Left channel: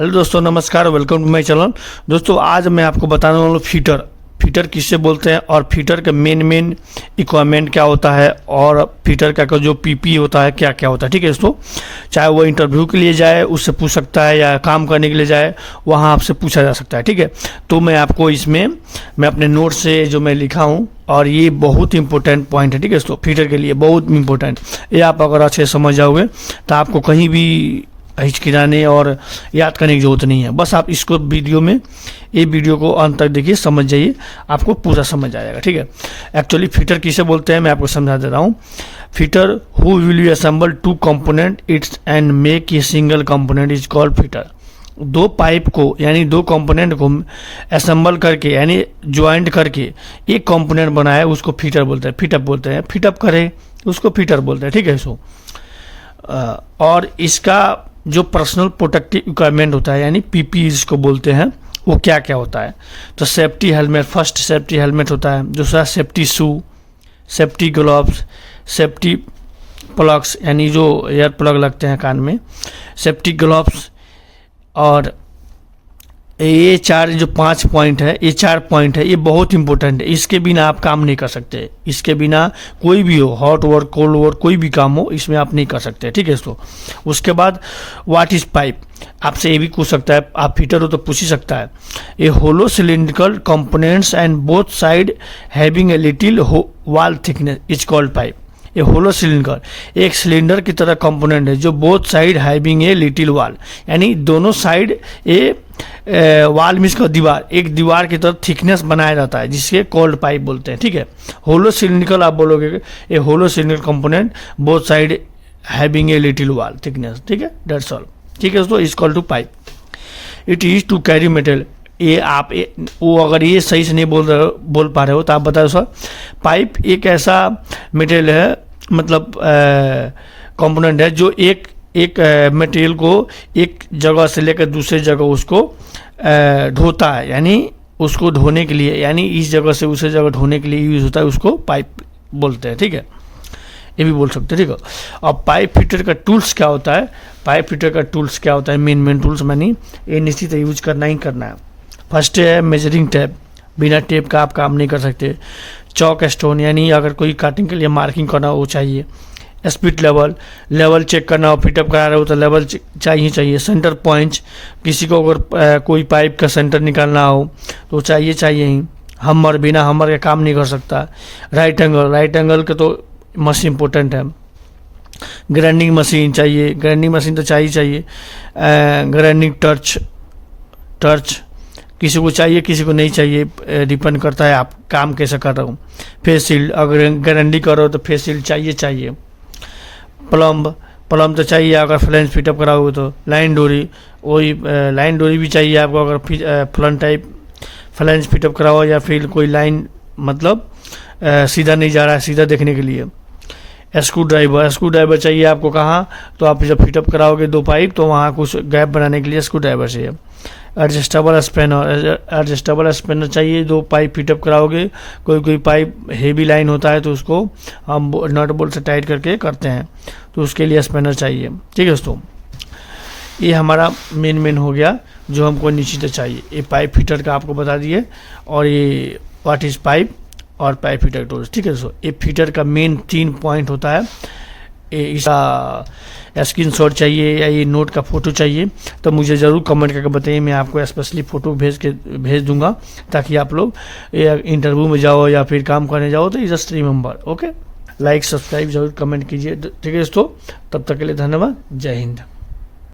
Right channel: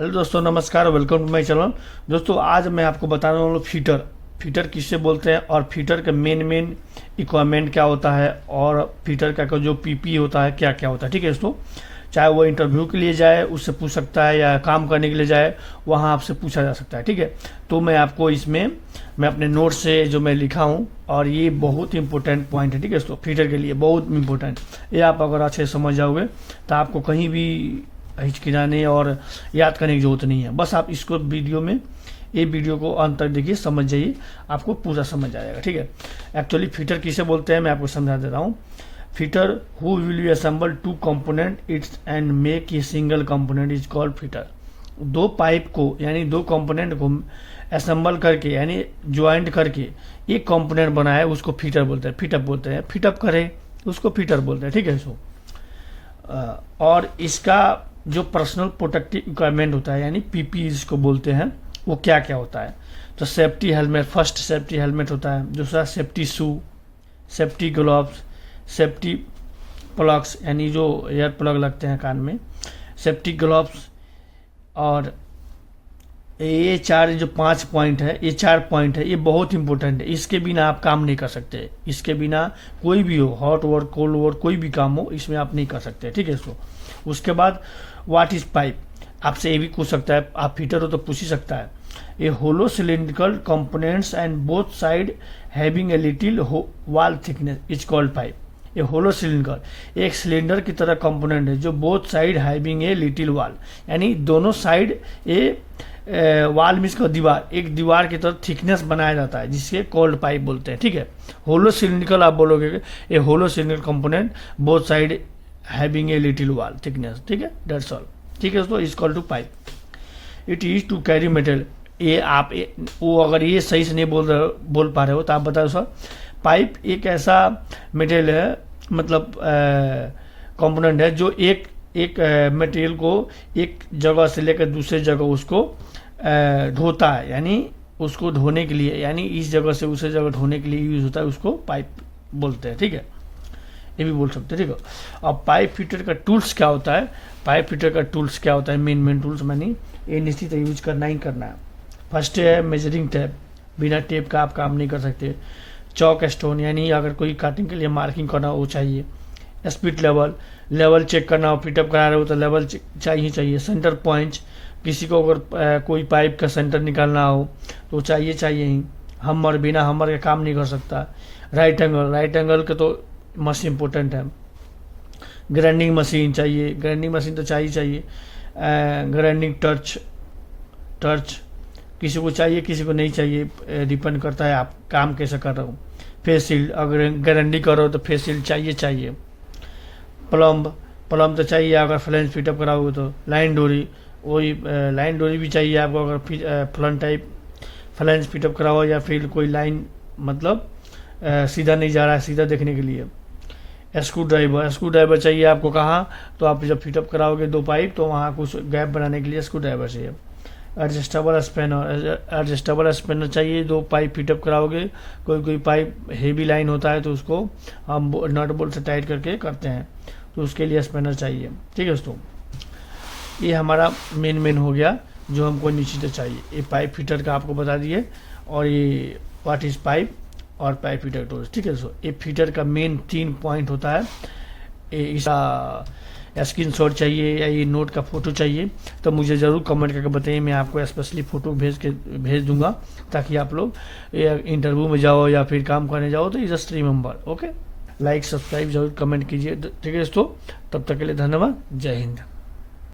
Hello दोस्तों, नमस्कार। Welcome to my channel. दोस्तों, आज मैं आपको बताने वाला हूँ फीटर किससे बोलते हैं और फीटर का मेन इक्विपमेंट क्या होता है और फीटर का जो पीपी होता है क्या क्या होता है। ठीक है दोस्तों, चाहे वो इंटरव्यू के लिए जाए उससे पूछ सकता है या काम करने के लिए जाए वहाँ आपसे पूछा जा सकता है। ठीक है, तो मैं आपको इसमें मैं अपने नोट से जो मैं लिखा हूँ और ये बहुत इंपॉर्टेंट पॉइंट है। ठीक है दोस्तों, फीटर के लिए बहुत इंपॉर्टेंट। ये आप अगर अच्छे से समझ जाओगे तो आपको कहीं भी हिचकिचाने और याद करने की जरूरत नहीं है। बस आप इसको ये वीडियो को अंत तक देखिए, समझ जाइए, आपको पूरा समझ आएगा। ठीक है, एक्चुअली फीटर किसे बोलते हैं मैं आपको समझा दे रहा हूँ। Fitter who will you assemble two component its and make a single component is called fitter. दो पाइप को यानी दो कंपोनेंट को असेंबल करके यानी ज्वाइंट करके एक कंपोनेंट बनाए उसको फीटर बोलते हैं। फिटअप बोलते हैं, फिटअप करे उसको फीटर बोलते हैं। ठीक है सो और इसका जो पर्सनल प्रोटेक्टिव इक्विपमेंट होता है यानी पीपी इसको बोलते हैं, वो क्या क्या होता है। तो safety helmet, first safety helmet होता है। दूसरा सेफ्टी शू, सेफ्टी ग्लव्स, सेफ्टी प्लग्स यानी जो एयर प्लग लगते हैं कान में, सेफ्टी ग्लव्स। और ये पांच पॉइंट है, ये 4 पॉइंट है, ये बहुत इंपॉर्टेंट है। इसके बिना आप काम नहीं कर सकते। इसके बिना कोई भी हो, हॉट वर्क कोल्ड वर्क कोई भी काम हो, इसमें आप नहीं कर सकते। ठीक है दोस्तों, उसके बाद व्हाट इज पाइप, आपसे ये भी पूछ सकता है। आप फीटर हो तो पूछ ही सकता है। ये hollow cylindrical components and both side having a little wall thickness is called pipe. ये होलो सिलिंडर एक सिलेंडर की तरह कंपोनेंट है जो both side having a little wall यानी दोनों साइड वॉल मीन्स का दीवार, एक दीवार की तरह थिकनेस बनाया जाता है जिसके कोल्ड पाइप बोलते हैं। ठीक है, होलो सिलिंड्रिकल आप बोलोगे ये hollow cylindrical component both side having a little wall thickness. ठीक है, दैट्स ऑल। ठीक है दोस्तों, is called to pipe. It is to carry material. वो अगर ये सही से नहीं बोल पा रहे हो तो आप बताओ सर। पाइप एक ऐसा मटेरियल है, मतलब कंपोनेंट है जो एक मटेरियल को एक जगह से लेकर दूसरे जगह उसको ढोता है, यानी उसको धोने के लिए, यानी इस जगह से उस जगह ढोने के लिए यूज होता है, उसको पाइप बोलते हैं। ठीक है, ये भी बोल सकते हैं। ठीक है, अब पाइप फिटर का टूल्स क्या होता है, पाइप फिटर का टूल्स क्या होता है, मेन टूल्स मानी ये निश्चित यूज करना ही करना है। फर्स्ट है मेजरिंग टेप, बिना टेप का आप काम नहीं कर सकते। चौक स्टोन यानी अगर कोई कटिंग के लिए मार्किंग करना हो चाहिए। स्पीड लेवल चेक करना हो, फिटअप करा रहे हो तो लेवल चाहिए। सेंटर पॉइंट, किसी को अगर कोई पाइप का सेंटर निकालना हो तो चाहिए ही। हमर, बिना हमर के काम नहीं कर सकता। राइट एंगल के तो मस्त इम्पोर्टेंट है। ग्राइंडिंग मशीन चाहिए, ग्राइंडिंग मशीन तो चाहिए। ग्राइंडिंग टर्च किसी को चाहिए किसी को नहीं चाहिए, डिपेंड करता है आप काम कैसे कर रहे हो। फेस शील्ड, अगर गारंटी करो तो फेस शील्ड चाहिए। प्लम तो चाहिए अगर फ्लैंज फिटअप कराओगे तो। लाइन डोरी भी चाहिए आपको अगर फ्लैंज फिटअप कराओ या फिर कोई लाइन मतलब सीधा नहीं जा रहा है, सीधा देखने के लिए। स्क्रू ड्राइवर चाहिए आपको कहाँ, तो आप जब फिटअप कराओगे 2 पाइप तो वहाँ कुछ गैप बनाने के लिए स्क्रू ड्राइवर चाहिए। एडजस्टेबल स्पैनर चाहिए। 2 पाइप फिटअप कराओगे, कोई पाइप हेवी लाइन होता है तो उसको हम नट बोल्ट से टाइट करके करते हैं, तो उसके लिए स्पैनर चाहिए। ठीक है दोस्तों, ये हमारा मेन हो गया जो हमको निश्चित चाहिए। ये पाइप फिटर का आपको बता दिए और ये व्हाट इज पाइप और पाइप फिटर टूल्स। ठीक है दोस्तों, ये फिटर का मेन 3 पॉइंट होता है। इसका स्क्रीनशॉट चाहिए या ये नोट का फ़ोटो चाहिए तो मुझे ज़रूर कमेंट करके बताइए, मैं आपको स्पेशली फ़ोटो भेज दूंगा ताकि आप लोग इंटरव्यू में जाओ या फिर काम करने जाओ तो just remember. Okay, like subscribe जरूर कमेंट कीजिए। ठीक है दोस्तों, तब तक के लिए धन्यवाद। जय हिंद।